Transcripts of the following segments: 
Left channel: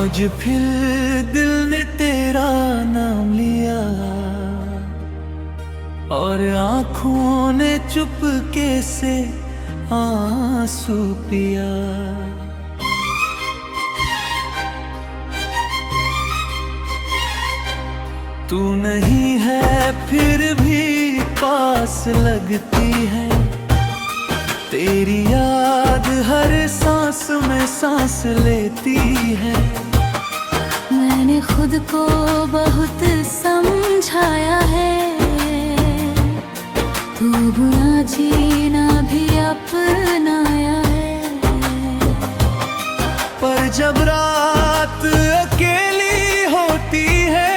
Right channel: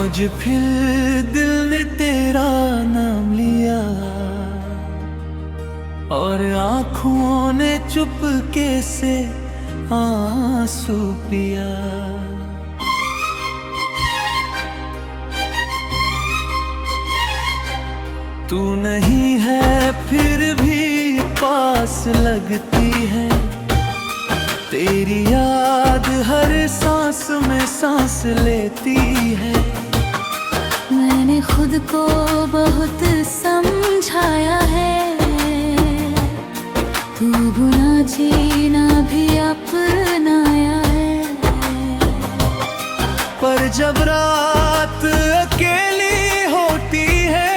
आज फिर दिल ने तेरा नाम लिया और आँखों ने चुपके से आंसू पिया। तू नहीं है फिर भी पास लगती है, तेरी याद हर सांस में सांस लेती है। मैंने खुद को बहुत समझाया है, तू बुना जीना भी अपनाया है। पर जब रात अकेली होती है,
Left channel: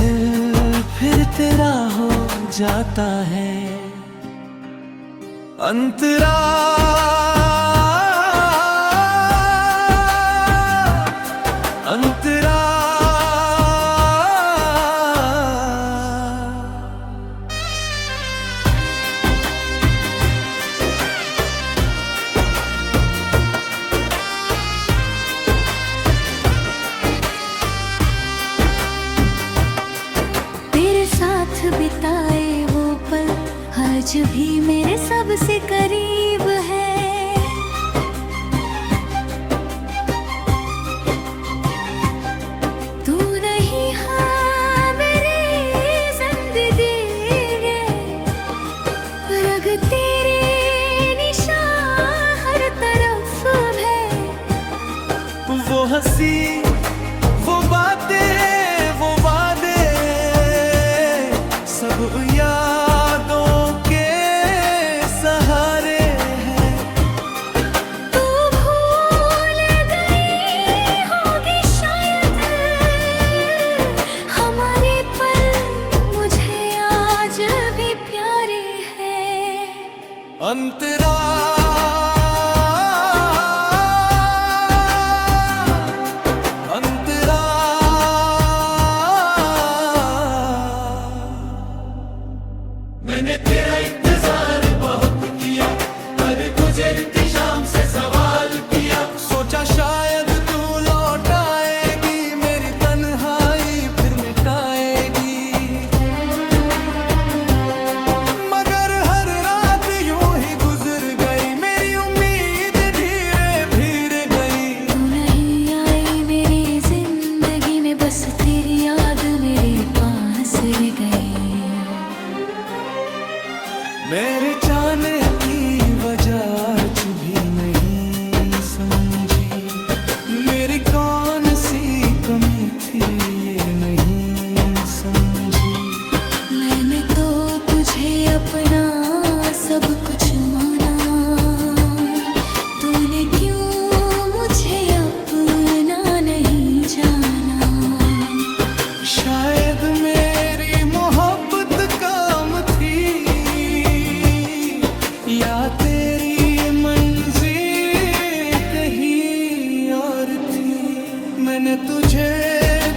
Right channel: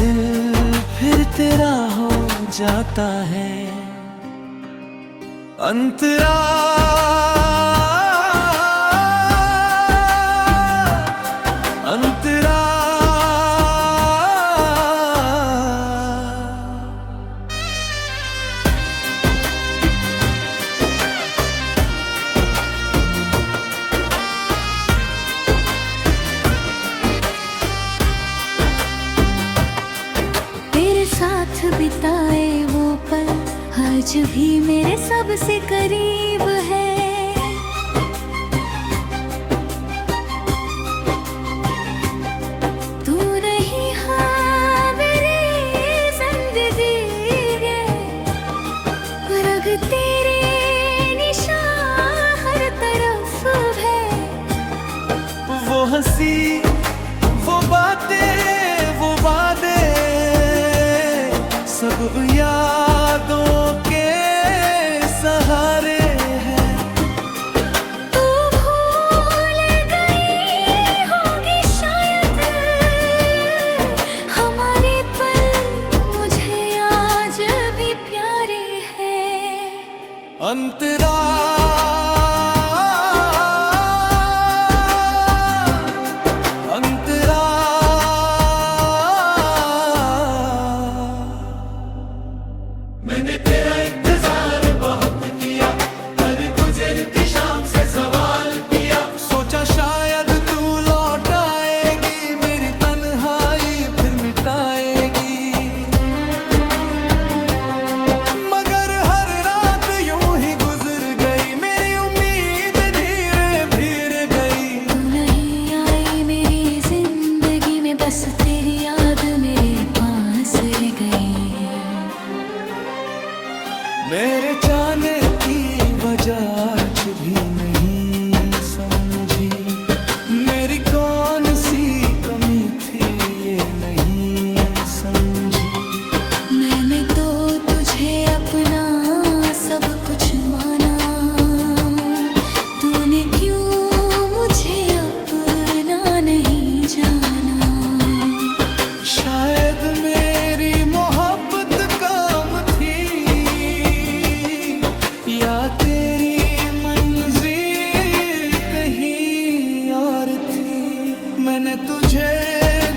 दिल फिर तेरा हो जाता है। अंतरा अंतरा तेरे साथ बिताए वो पल आज भी मेरे सबसे करीब है। तू नहीं हाँ मेरी जिंदगी है, रग तेरे निशान हर तरफ है। वो हंसी, वो बातें, वो वादे, सब यादों के सहारे हैं। तू भूल गई होगी शायद हमारे पल, मुझे आज भी प्यारे हैं। अंतरा अंतरा मैंने तेरा इंतजार बहुत किया, हर गुजरती शाम से सवाल किया। सोचा शायद तू लौट आएगी, मेरी तन्हाई फिर मिटाएगी। मगर हर रात यूं ही गुजर गई, मेरी उम्मीद धीरे धीरे गई। तू नहीं आई मेरी जिंदगी में, बस तेरी याद मेरे पास रह गई। मेरे जाने की वजह आज भी नहीं समझी, मेरी कौन सी कमी थी ये नहीं समझी। मैंने तो तुझे अपना सब कुछ माना, तूने क्यों मुझे अपना नहीं जाना। शायद मेरी मोहब्बत काम थी, या तेरी मंजिल कहीं और थी। मैंने तुझे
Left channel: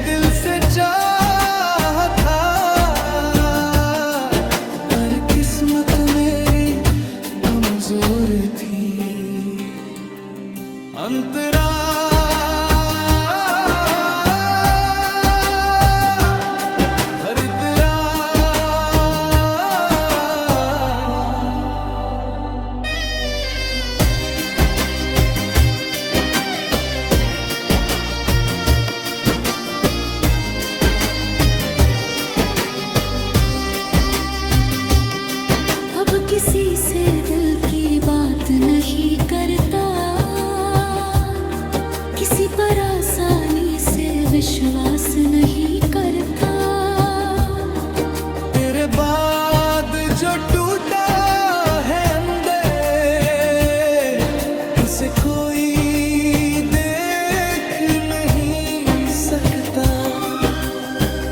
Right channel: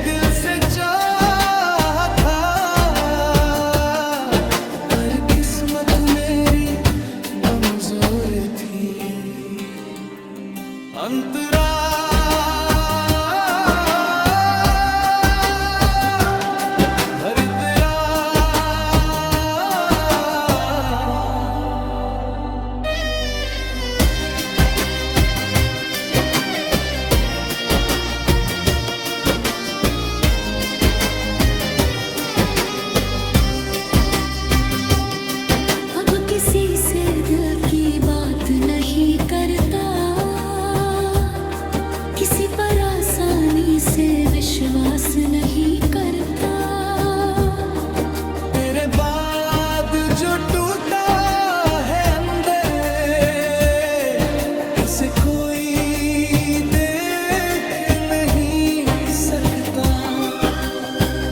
दिल से चाहा था, पर किस्मत मेरी कमजोर थी। अंतरा हर तेरा अब किसी से दिल की बात नहीं करता, किसी पर आसानी से विश्वास नहीं करता। तेरे बाद जो टूटा है अंदर, उसे कोई देख नहीं सकता।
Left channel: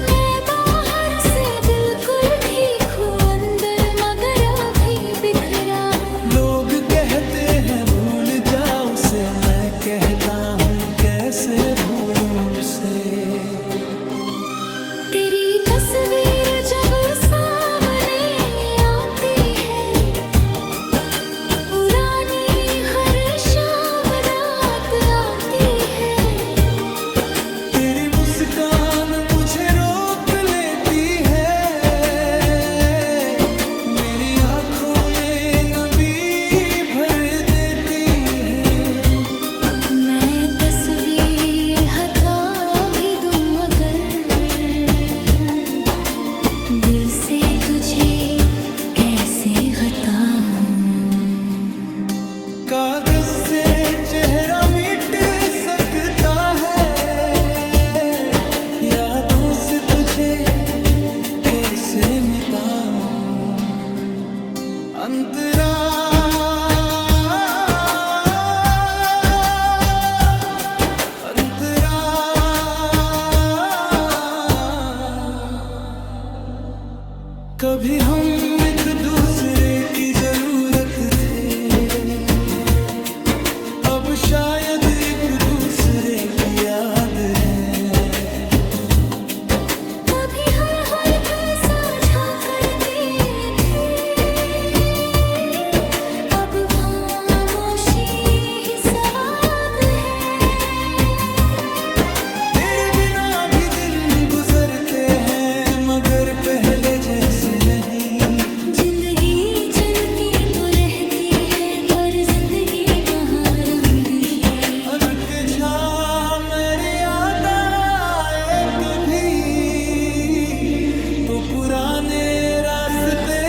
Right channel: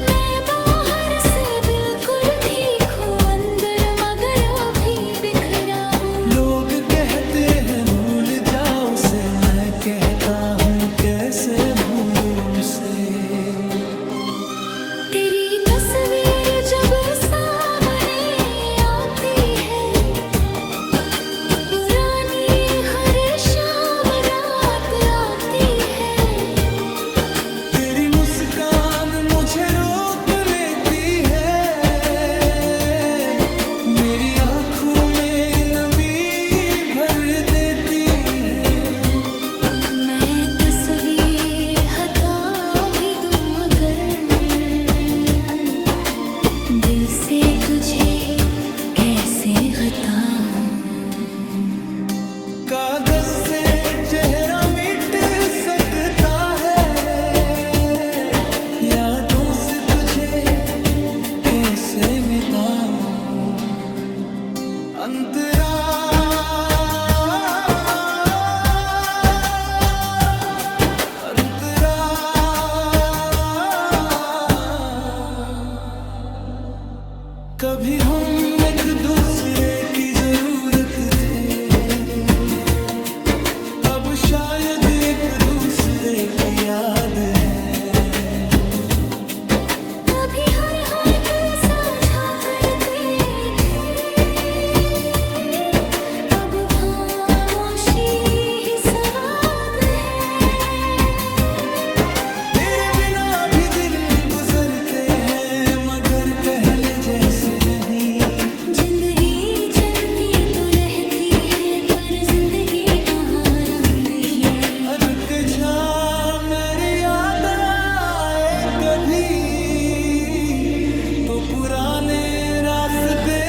मैं बाहर से बिल्कुल ठीक हूँ, अंदर मगर अभी बिखरा हूँ। लोग कहते हैं भूल जा उसे, मैं कहता हूँ कैसे भूलूं उसे। तेरी तस्वीर जब सामने आती है, पुरानी हर शाम रात आती मुस्कान मुझे रोक लेती है, मेरी आंखों में नमी भर देती है। मैं तस्वीर हटा भी दूं अगर, दिल से तुझे कैसे हटाऊं। कागज से चेहरा मिट सकता है, यादों से तुझे कैसे मिटाऊं। अंतरा अंतरा कभी हम एक दूसरे की जरूरत थे, अब शायद एक दूसरे की याद है। कभी हर साझा करते थे, अब खामोशी ही सवाद है। तेरे बिना भी दिन गुजरते हैं, मगर पहले जैसे नहीं। जिंदगी चलती तो रहती है, पर जिंदगी वहाँ रंग ही। रुक जा मेरी याद आए कभी, तो पुराने रास्ते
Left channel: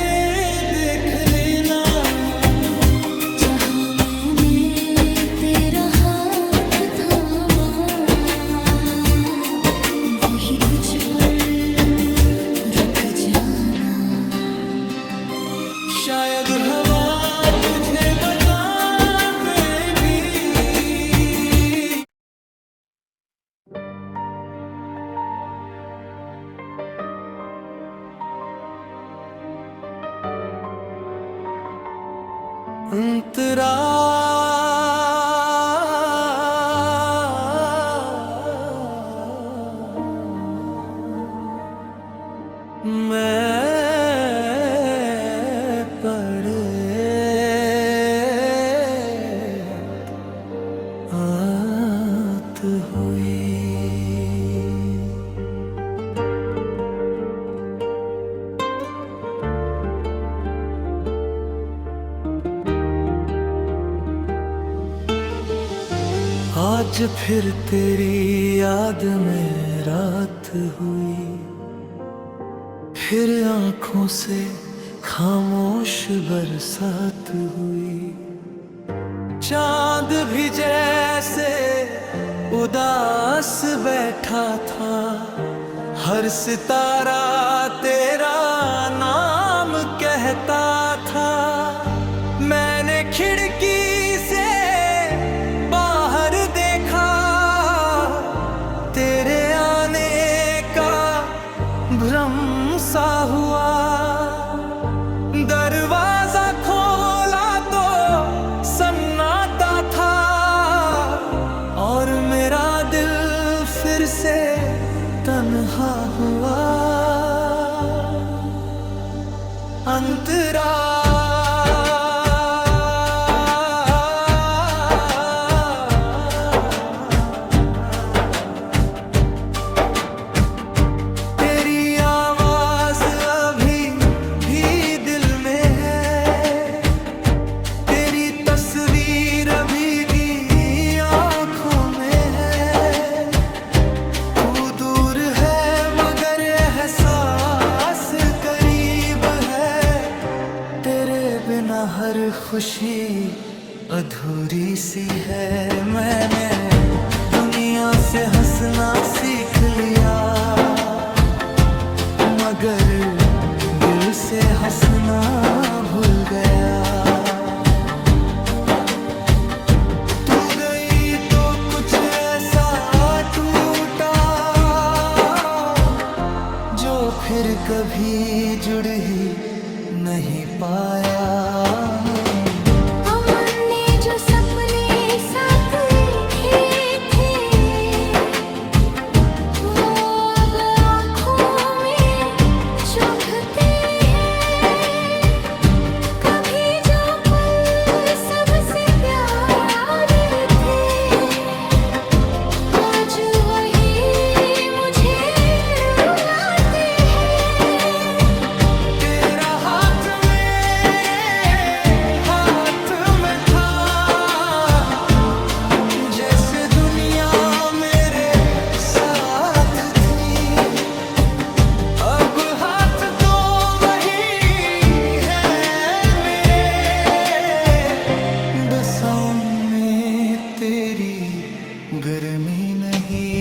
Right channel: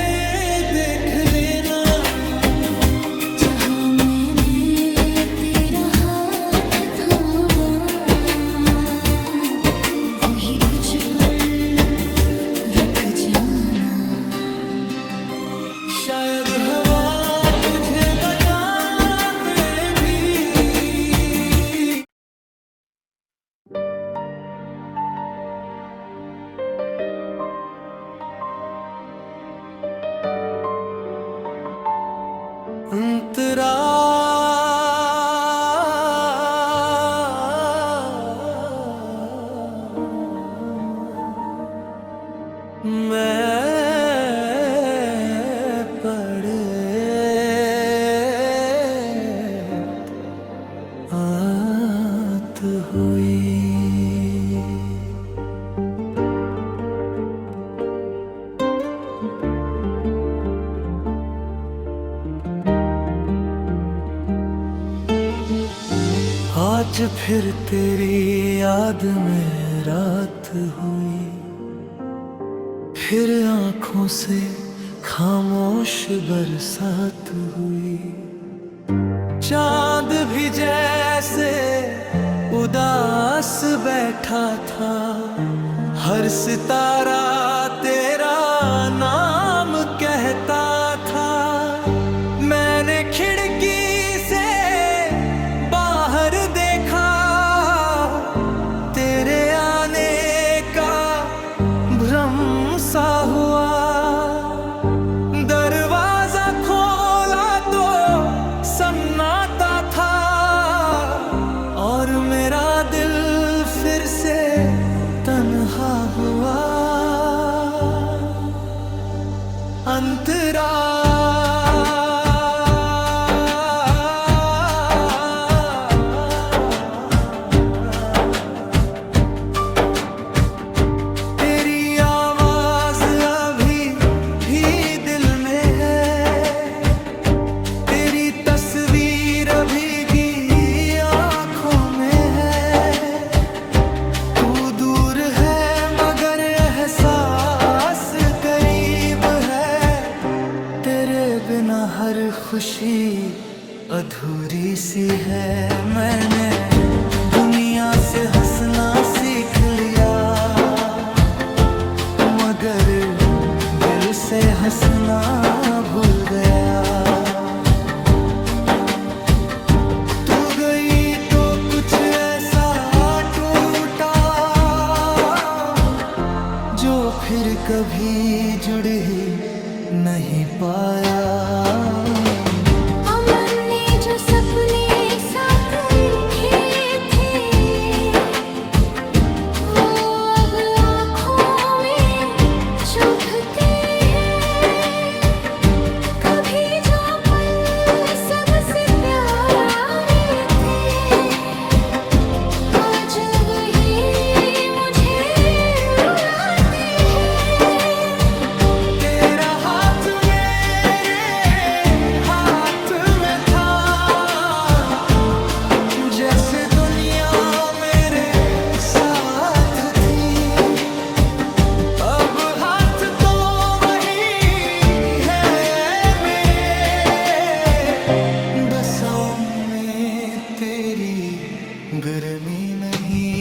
देख लेना। जहाँ मैंने तेरा हाथ थामा, वही कुछ पल रुक जाना। शायद हवा तुझे बता दे भी। अंतरा आज फिर तेरी याद में रात हुई, फिर आंखों से खामोश बरसात हुई। चांद भी जैसे उदास बैठा था, हर सितारा तेरा नाम कहता था। मैंने खिड़की से बाहर देखा, तेरे आने का भ्रम सा हुआ। दरवाजा खोला तो सन्नाटा था, और मेरा दिल फिर से तन्हा हुआ। अंतरा तस्वीर भीगी आंखों में है। तू दूर है मगर एहसास करीब है। तेरे बिना हर खुशी अधूरी सी है। मैंने दुनिया से हंसना सीख लिया, मगर दिल से हंसना भूल गया। फिर कभी जुड़ ही नहीं पाया। हमने जो सपने साथ देखे थे, वो अब आँखों में चुभते हैं। कभी जो पल सबसे प्यारे थे, आज वही मुझे जैसे दुनिया मेरे साथ थी, अब हाथ तो वही है मेरे, बसों में तेरी गर्मी नहीं।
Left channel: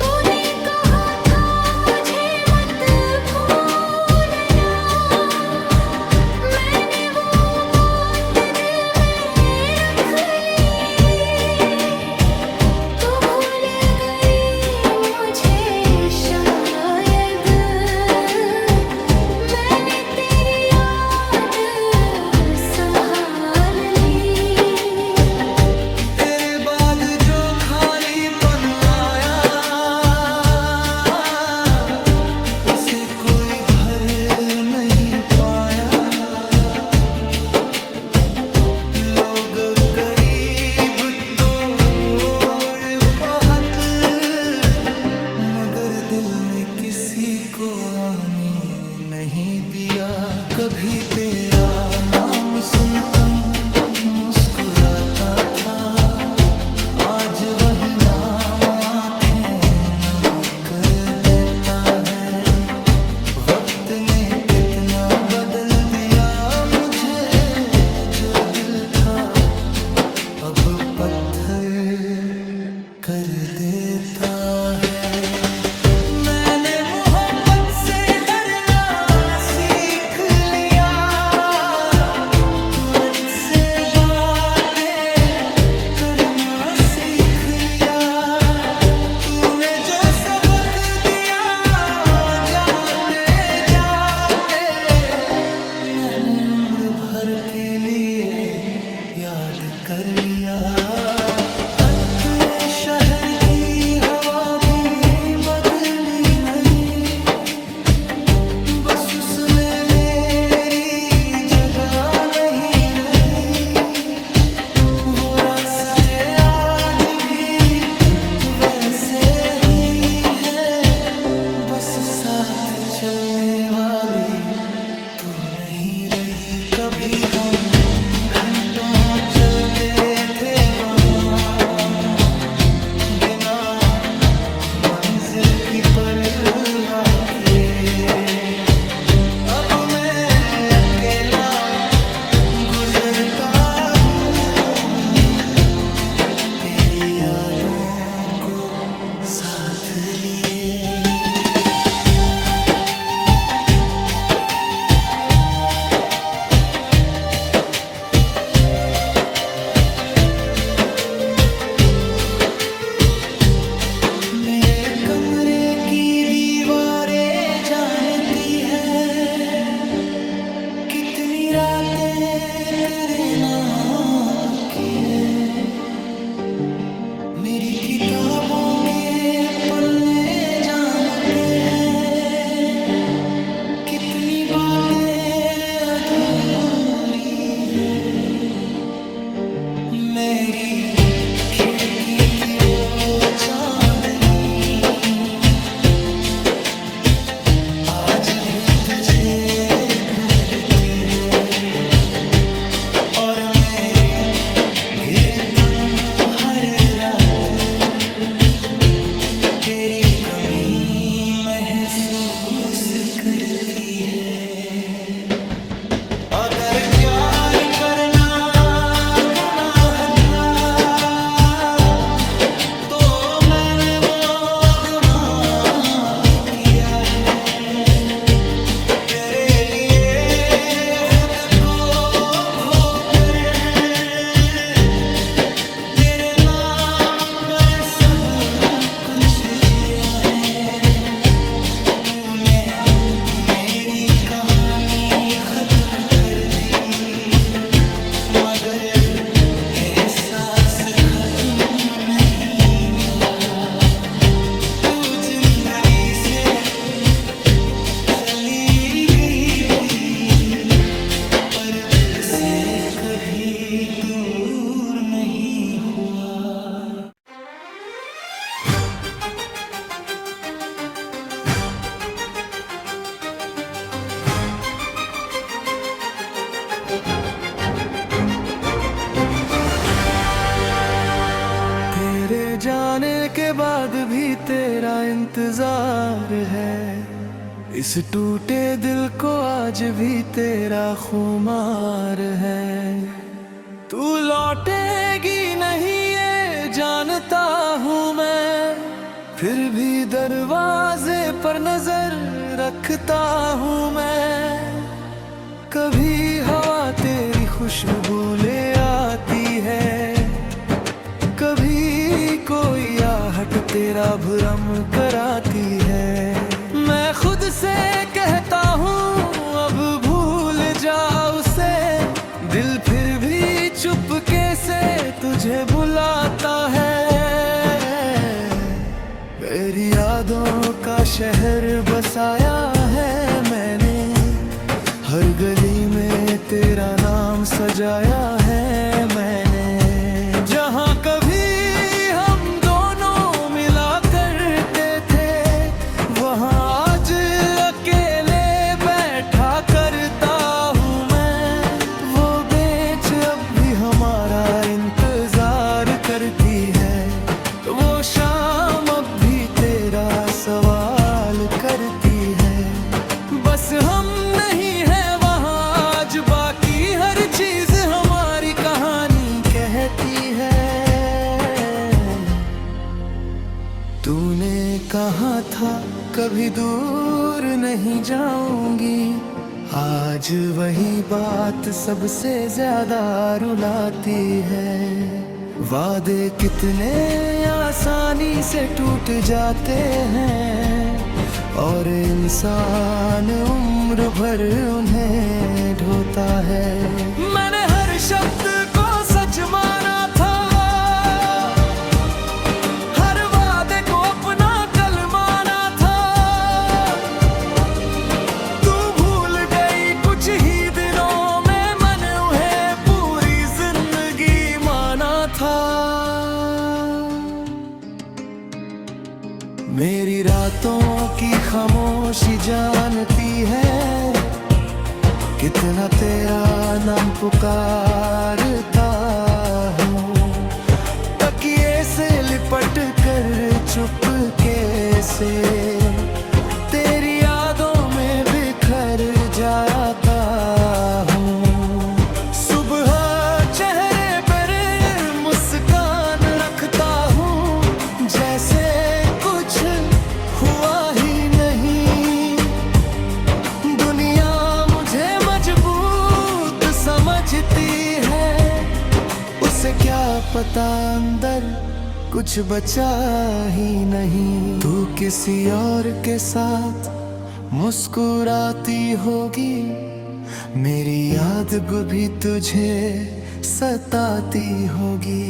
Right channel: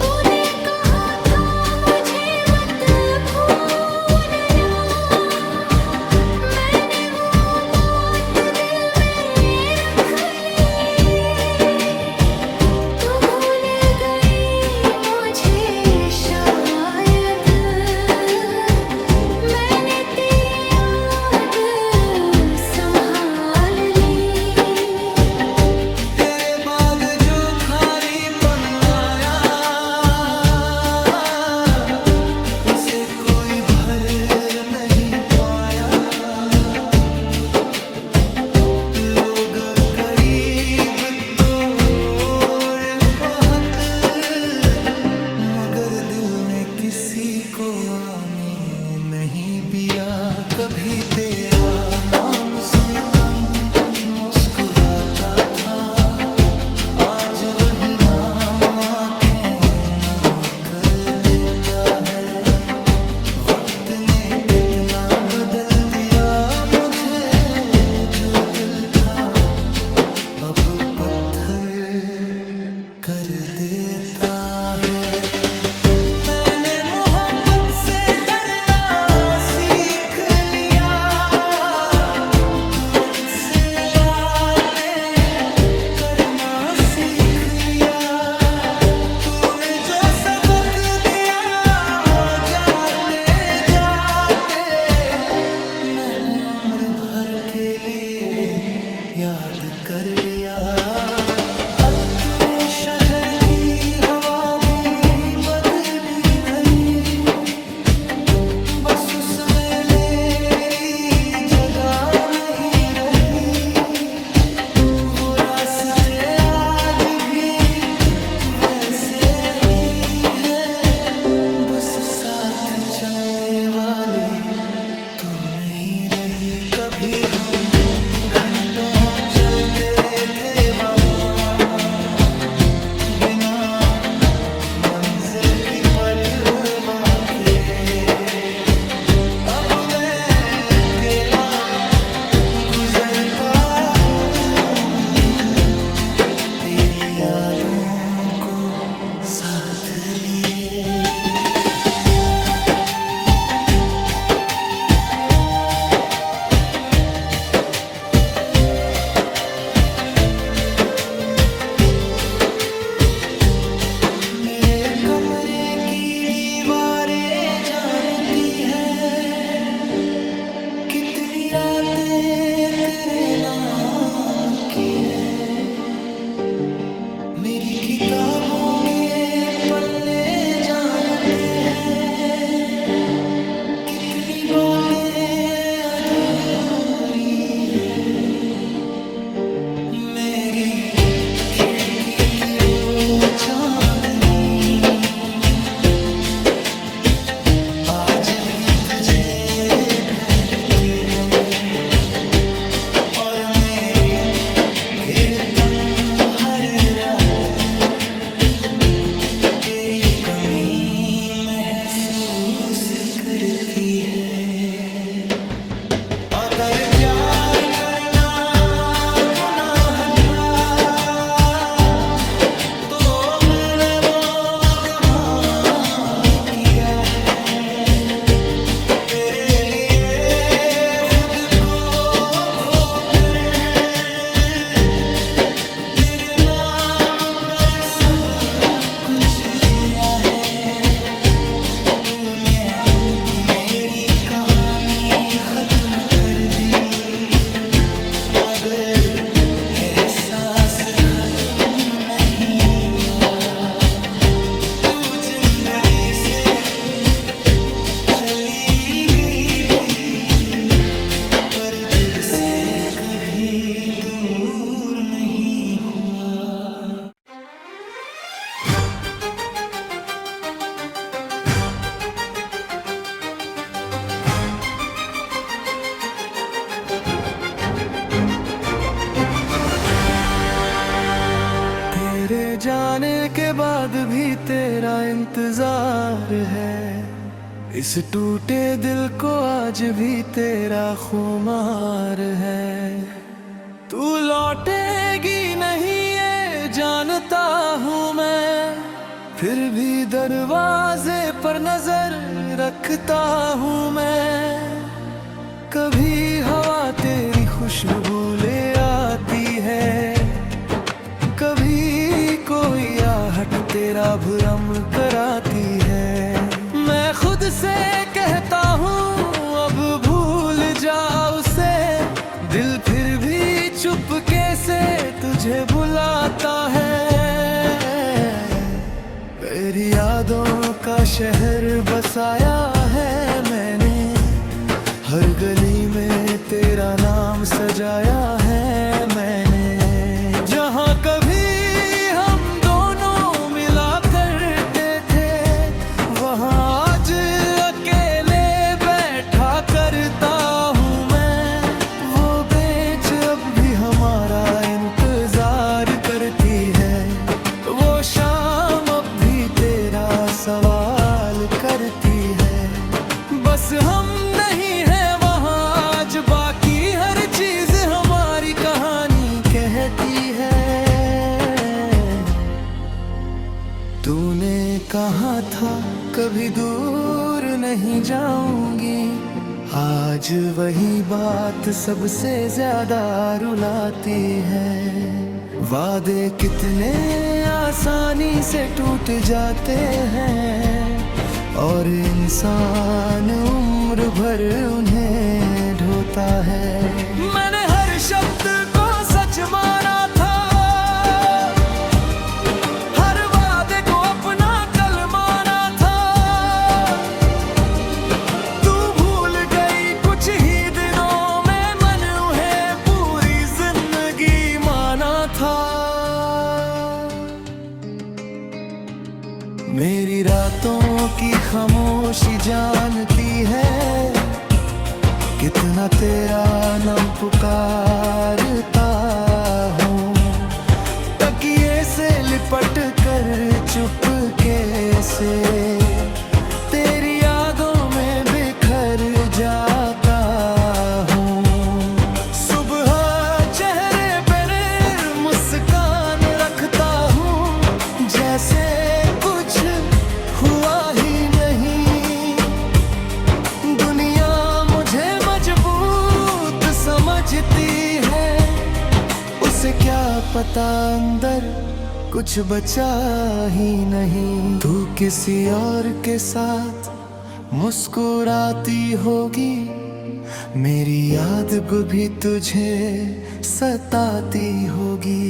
तूने कहा था मुझे मत भूलना, मैंने वो बात दिल में रख ली। तू भूल गई मुझे शायद, मैंने तेरी याद संभाल ली। तेरे बाद जो खालीपन आया, उसे कोई भर नहीं पाया। लोग करीब तो बहुत, मगर दिल ने किसी को आने नहीं दिया। कभी तेरा नाम सुनकर मुस्कुराता था, आज वही नाम आंखें नम कर देता है। वक्त ने कितना बदल दिया मुझे, जो दिल था अब पत्थर कर देता है। मैंने मोहब्बत से डरना सीख लिया, तुरंत से बातें करना सीख लिया। तूने जो सबक दिया जाते जाते, मैंने उम्र भर के लिए याद कर लिया। तूने शहर की हवा भी बदली नहीं, बस उसमें मेरी जगह नहीं रही। वो रास्ते आज भी वैसे ही है, बस साथ चलने वाली तू नहीं रही। कभी हम घंटों चलते थे वहाँ, बिना मंजिल की परवाह किए। अब मैं अकेला गुजरता हूँ, तेरी यादों को साथ लिए। मेरे कमरे की दीवारें जानती है, कितनी रातें तेरे नाम की है। मेरी किताबों के पन्ने जानते हैं, कितनी बातें अधूरी है। मेरी खिड़की की वो चांदनी आज भी तुझे ढूंढती है, और मेरी गिरतम हर रात तेरी कमी महसूस करती है। अगर प्यार करना गुनाह था, तो मैंने वो गुनाह किया है। तेरे लिए खुद को खोकर, तेरे नाम पर सब कुछ जिया है। तूने मेरी कहानी खत्म कर दी, मगर एहसास खत्म नहीं हुआ। तू जिंदगी से चली गई थी, पर दिल से कभी दूर नहीं हुआ। जाने के बाद भी तेरा इंतजार है। इस टूटे दिल को आज भी तेरा खुमार है। तू लौटेगी नहीं ये जानता हूँ मैं, फिर भी दरवाजे पर नजर रखता हूँ मैं। कभी हवा तेरी खुशबू ले आती है, कभी कोई आहट तेरा भ्रम कराती है। मैं खुद से कहता हूँ अब भूल जा उसे, दिल फिर भी चुपके से तुझे बुलाता है। मेरी यादों का शहर बसाया है मैंने, हर गली में तेरा नाम सजाया है मैंने। जहाँ कभी हम दोनों मिला करते थे, वहाँ आज अकेले बैठा करता हूँ मैं। वो बेंच अब भी हमारा इंतजार करती है, वो शाम अब भी तेरा सवाल करती है। बस हम नहीं है वहाँ आज, बाकी हर चीज हमारी कहानी कहती है। तूने कहा था कभी दूर नहीं जाऊंगी, आज वही बात सबसे ज्यादा रुलाती है। वादे कितने आसानी से टूट जाते हैं, और इंसान उम्र भर उन्हें ढोता है। मैंने हर शब्द को सच माना था, हर वादे को अपना कल माना था। तू भूल गई कुछ ही दिनों में, मैंने उन्हें पूरी जिंदगी माना था। मेरी रातों की खामोशी जानती है, कितना तेरा नाम पुकारता हूँ। तकिए से लिपट कर चुपके से तेरी यादों में बिखर जाता हूँ। सुबह चेहरे पर मुस्कान रखता हूँ, जैसे कुछ हुआ ही नहीं। दुनिया मुझे मजबूत समझती है, उसे क्या पता अंदर कुछ बचा ही नहीं। तू किसी और के साथ मुस्कुराती होगी, मेरी याद भी तुझे सताती होगी।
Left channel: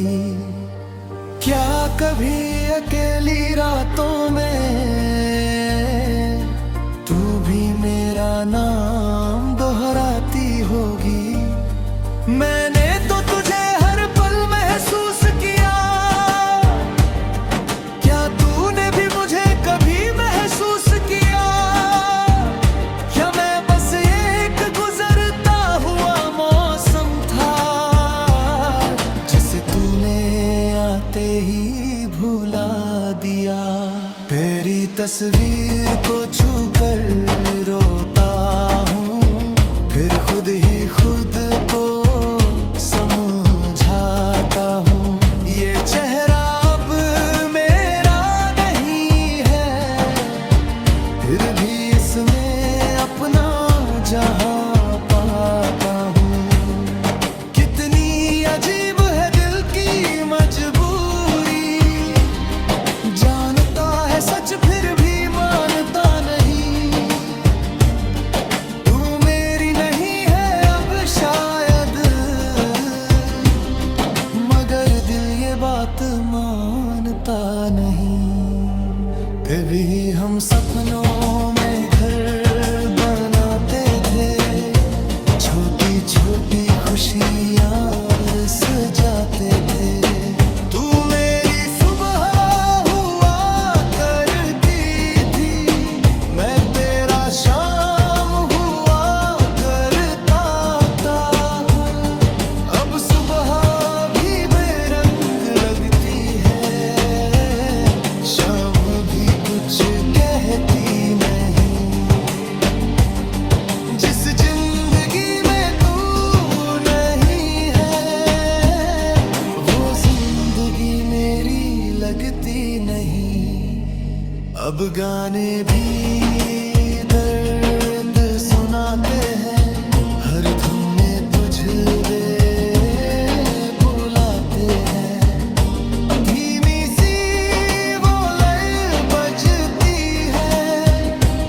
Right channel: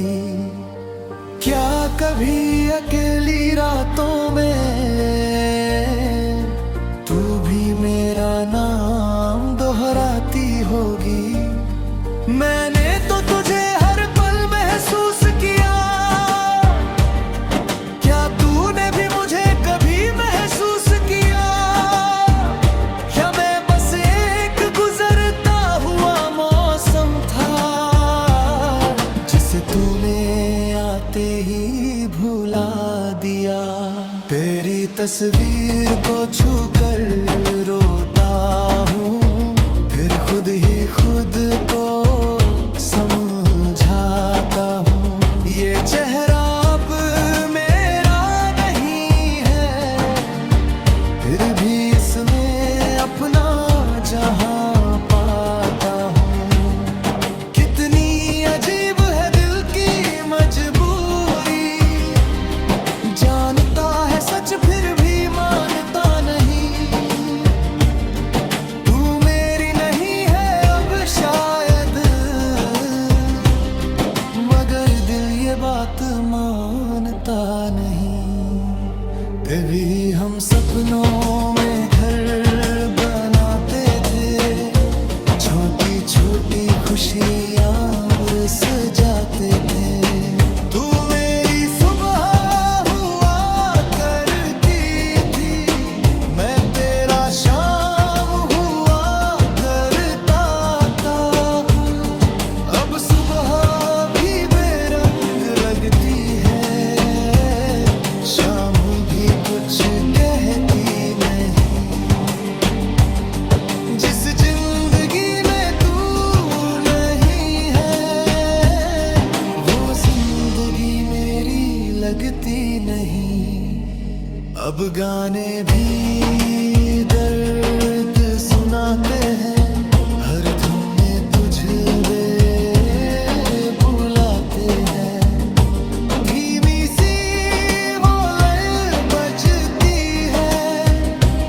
क्या कभी अकेली रातों में तू भी मेरा नाम दोहराती होगी? मैंने तो तुझे हर पल महसूस किया, क्या तूने भी मुझे कभी महसूस किया? या मैं बस एक गुजरता हुआ मौसम था, जिसे तूने आते ही भुला दिया। तेरी तस्वीर को छूकर रोता हूँ, फिर खुद ही खुद को समझाता हूँ। ये चेहरा अब मेरा नहीं है, फिर भी इसमें अपना जहां पाता हूँ। कितनी अजीब है दिल की मजबूरी, जानता है सच फिर भी मानता नहीं। तू मेरी नहीं है अब शायद, मगर दिल ये बात मानता नहीं। फिर भी हम सपनों में घर बनाते थे, छोटी छोटी खुशियाँ सजाते थे। तू मेरी सुबह हुआ करती थी, मैं तेरा शाम हुआ करता था। अब सुबह भी बेरंग लगती है, कुछ कहती नहीं। जिस जिंदगी में तू नहीं है वो जिंदगी मेरी लगती नहीं। अब गाने भी दर्द सुनाते हैं, हर धुन में तुझे बुलाते हैं। धीमी सी वो लय बजती है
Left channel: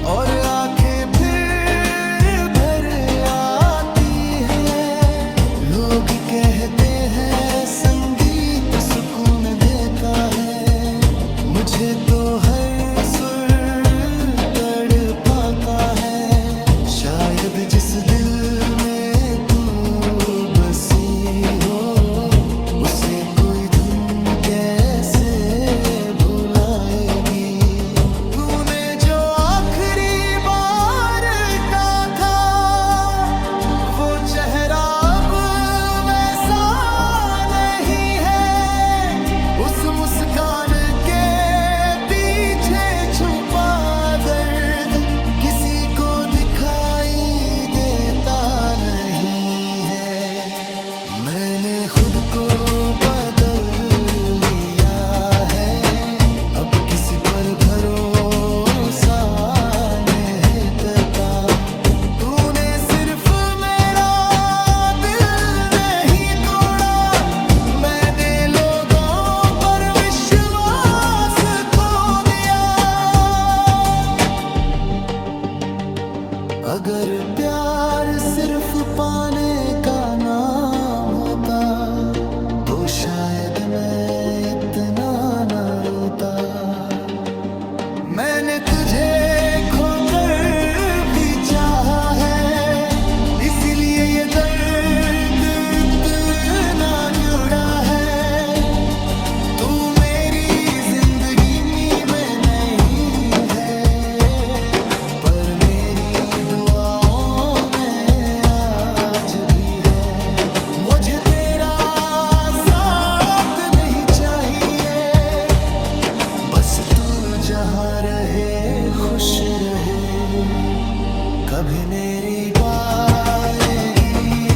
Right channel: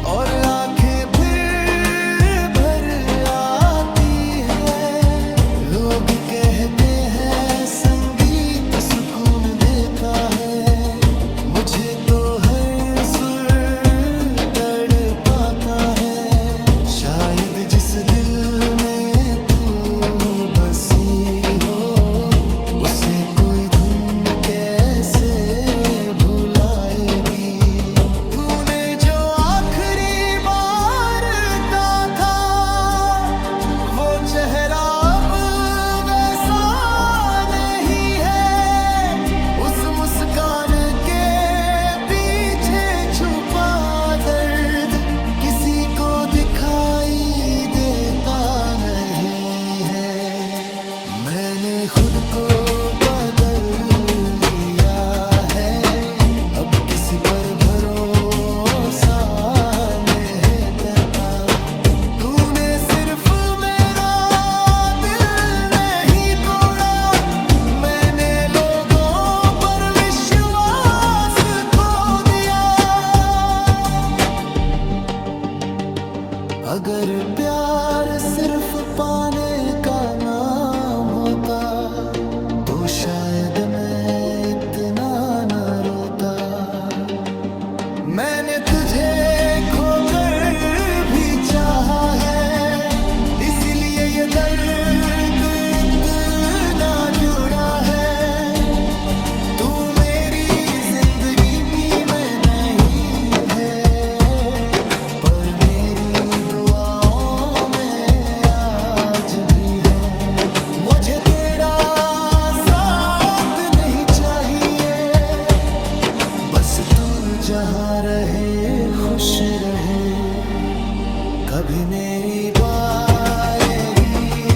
और आंखें फिर भर आती है। लोग कहते हैं संगीत सुकून देता है, मुझे तो हर सुर तड़पाता है। शायद जिस दिल में तू बसी हो उसे कोई धुन कैसे भुलाएगी। तूने जो आखिरी बार का था वो चेहरा अब वैसा नहीं है। उस मुस्कान के पीछे छुपा दर्द किसी को दिखाई देता नहीं है। मैंने खुद को बदल लिया है, अब किसी पर भरोसा नहीं करता। तूने सिर्फ मेरा दिल नहीं तोड़ा, मैंने लोगों पर विश्वास खो दिया। अगर प्यार सिर्फ पाने का नाम होता तो शायद मैं इतना न रोता। मैंने तुझे खोकर भी चाहा है, इसीलिए ये दर्द इतना जुड़ा है। तू मेरी जिंदगी में नहीं है पर मेरी दुआओं में आज भी है। मुझे तेरा साथ नहीं चाहिए, बस तू जहाँ रहे खुश रहे। कभी मेरी पाएगी